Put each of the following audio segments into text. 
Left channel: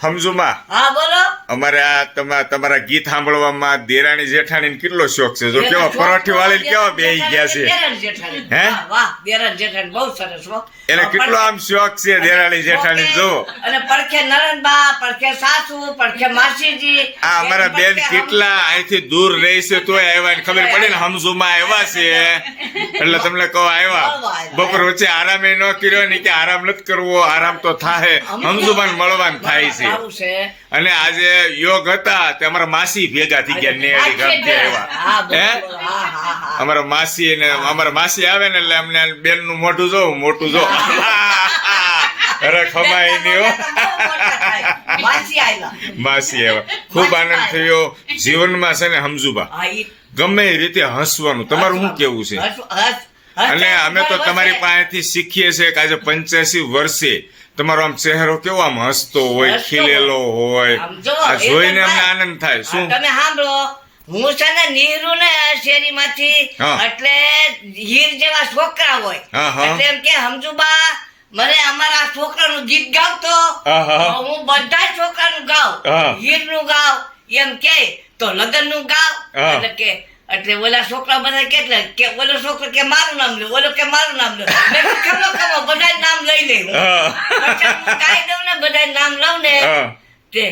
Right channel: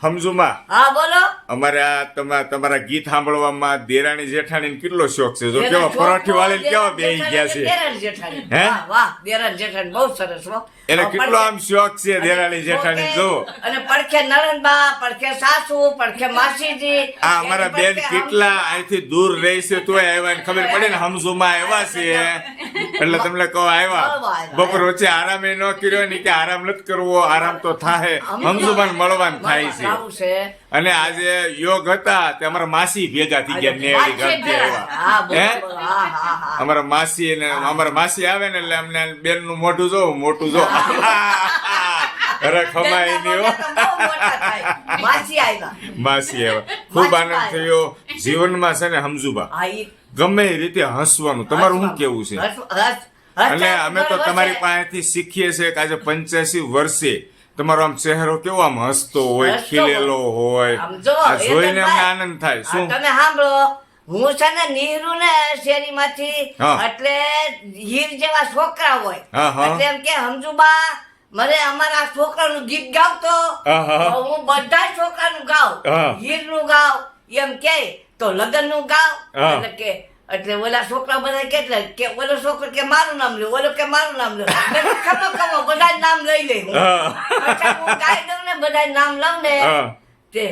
સમજુમાં હા બોલો. અમારે આ તમા- તમારા ગીત સાંભળવામાં દેરાણી જેઠાણી કેટલો શોખ છે? જો કેવા પરોઠી વાળી કેવા બે ગયા છે? હે? વાહ, વાહ દેરાણી જેઠાણી બહુ સરસ હો. એને કેટલો આમ શોખ છે દેરાણી જેઠાણી જો અને પડખે નરણબા પડખે સાસુ પડખે માસીજી. આ અમારા બેન કેટલા અહીંથી દૂર રહે છે તોય આવ્યા ને ખબર પડે ને હમઝુમાં આવ્યા છે. એટલે તમને કહો આવ્યા. આવ્યા. બપોર વચ્ચે આરામ એ ન કર્યો ને કે આરામ નથી કરવો આરામ તો થાય હમઝુમાન મળવાનું થાય છે. અને આજે યોગ હતા તે અમારા માસી ભેગા થઈ ગયા નેડી ઘરથી આવ્યા હે. અમારા માસી ને અમારા માસી આવે ને એટલે અમને બેનનું મોઢું જો મોટું જો. અરે ખમાય નહીં મોટા. માસી આવ્યા. ખૂબ આનંદ થયો. જીવનમાં છે ને સમજુબા. ગમે એ રીતે હસવાનું. તમારું શું કેવું છે? અને અમે તો તમારી પાસેથી શીખીએ છીએ કે આજે પંચ્યાસી વર્ષે તમારો આમ ચહેરો કેવો આમ હસતો હોય ખીલેલો હોય. આ જોઈને અમને આનંદ થાય. શું? તમે સાંભળો હું છે ને નીરુ ને શેરી માંથી એટલે હીર જેવા છોકરા હોય. એટલે એમ કે સમજુબા મને અમારા છોકરાનું ગીત ગાવતો. હા, બધા છોકરાનું ગાવ હા. હીરનું ગાવ એમ કે તો લગ્નનું ગાવ એટલે કે એટલે ઓલા છોકરા બધા કેટલા કે ઓલો છોકરો કે મારું નામ લે ઓલો કે મારું નામ લે મેં ખમો ખમો બધા નામ લઈ લે હું. ગાઈ દઉં ને બધા નામ લઉં ને તે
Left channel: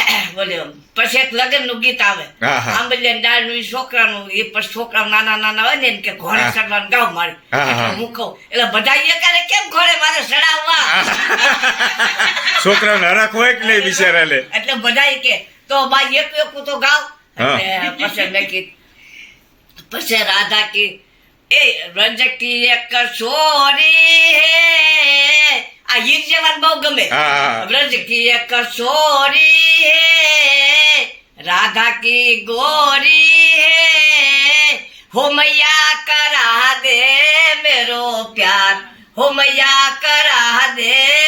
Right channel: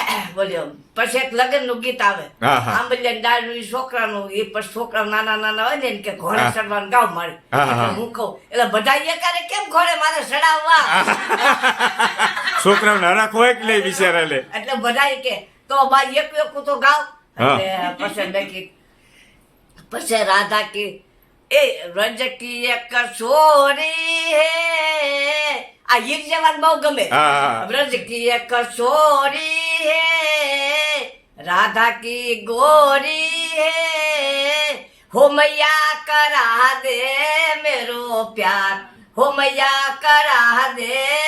બોલ્યો પછી એક લગ્નનું ગીત આવે. આંબલિયા દાળનું છોકરાનું એ પછી છોકરા નાના નાના હોય ને એમ કે ઘોડે. ચડવાનું ગાવ મારે. હા, હા. એટલે હું કહું એટલે બધા એકારે કેમ ઘોડે મારે ચડાવવા? છોકરા નાના હોય કે નહીં બિચારા એટલે બધા કે તો બા એક એક તો ગાવ. હા. એટલે પછી મેં કીધું પછી રાધા કી એ રજકી એક સોરી હે આ ગીત જવાન બહુ ગમે હા, હા. ब्रज की एक सोरी है राधा की गोरी है हो मैया करा दे मेरो प्यार हो मैया करा दे मेरो प्यार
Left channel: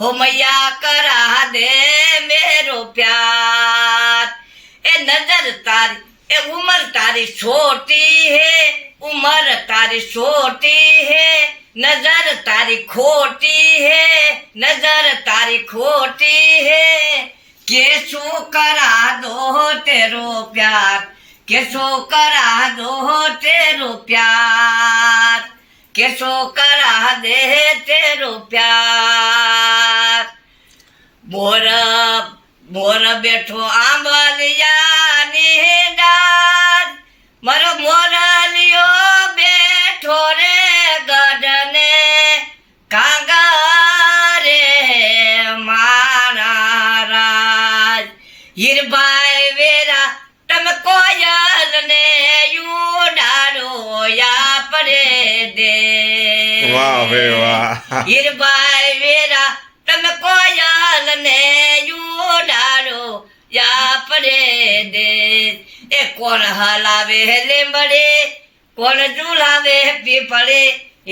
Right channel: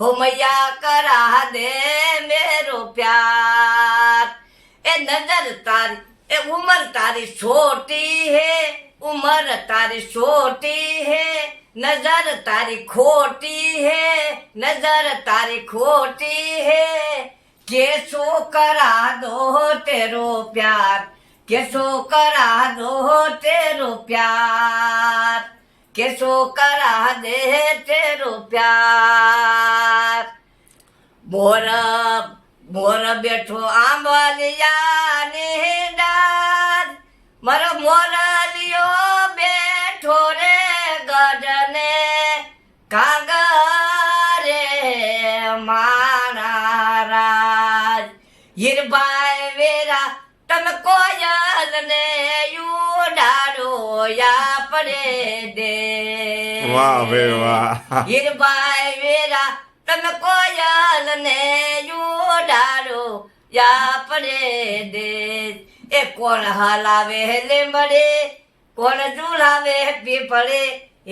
हो मैया करा दे मेरो प्यार। ए नज़र तारी, ए उम्र तारी छोटी है, उम्र तारी छोटी है, नज़र तारी खोटी है, नज़र तारी खोटी है। केसो करा दो तेरो प्यार, केसो करा दो तेरो प्यार, केसो करा दे तेरो प्यार। મોર મોર બેઠો આંબલિયાની ડાર મારો મોરલિયો બેઠો રે ગઢને. કાગરે માણા રાજ હીરભાઈ વેરા તમે કોયલ ને યુડાડો આપડે દે. વાહ વે વાહ. હીરભાઈ વેરા તમે કોયલ ને યુડાડો યાપડે દે એ કોણ હલાવે લીંબડે કોણ ઝુલાવે પીપળે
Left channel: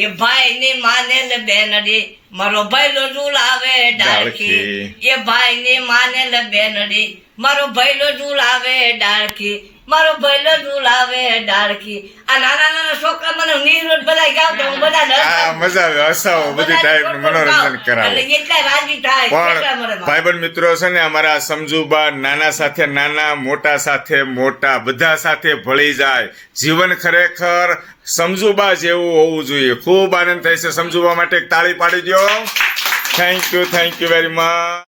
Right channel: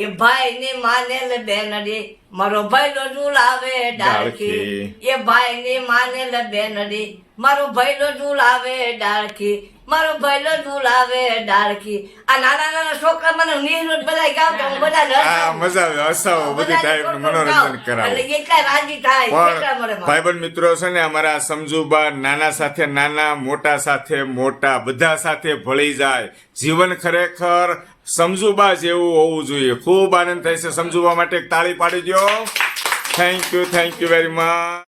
એ ભાઈ ની માનેલ બેનડી મારો ભાઈલો ઝુલાવે ડાળખી. એ ભાઈ ની માનેલ બેનડી મારો ભાઈલો ઝુલાવે ડાળખી. મારો ભાઈલો ઝુલાવે ડાળખી. આ નાના નાના છોકરા મને નિર્વૃત બધા ગાવતા હું બધા હા મજા આવે હસાવો બધી ટાઈપનું મનોરંજન કરાવો. એટલે રાજી થાય પણ ભાઈ પણ ભાઈબંધ મિત્રો છે ને અમારા સમજુબા નાના સાથે નાના મોટા સાથે મોટા બધા સાથે ભળી જાય. જીવન ખરેખર સમજુબા જેવું હોવું જોઈએ. ખૂબ આનંદ થાય છે. સમજુબા માટે એક તાળી પાડી દો thank you thank you very much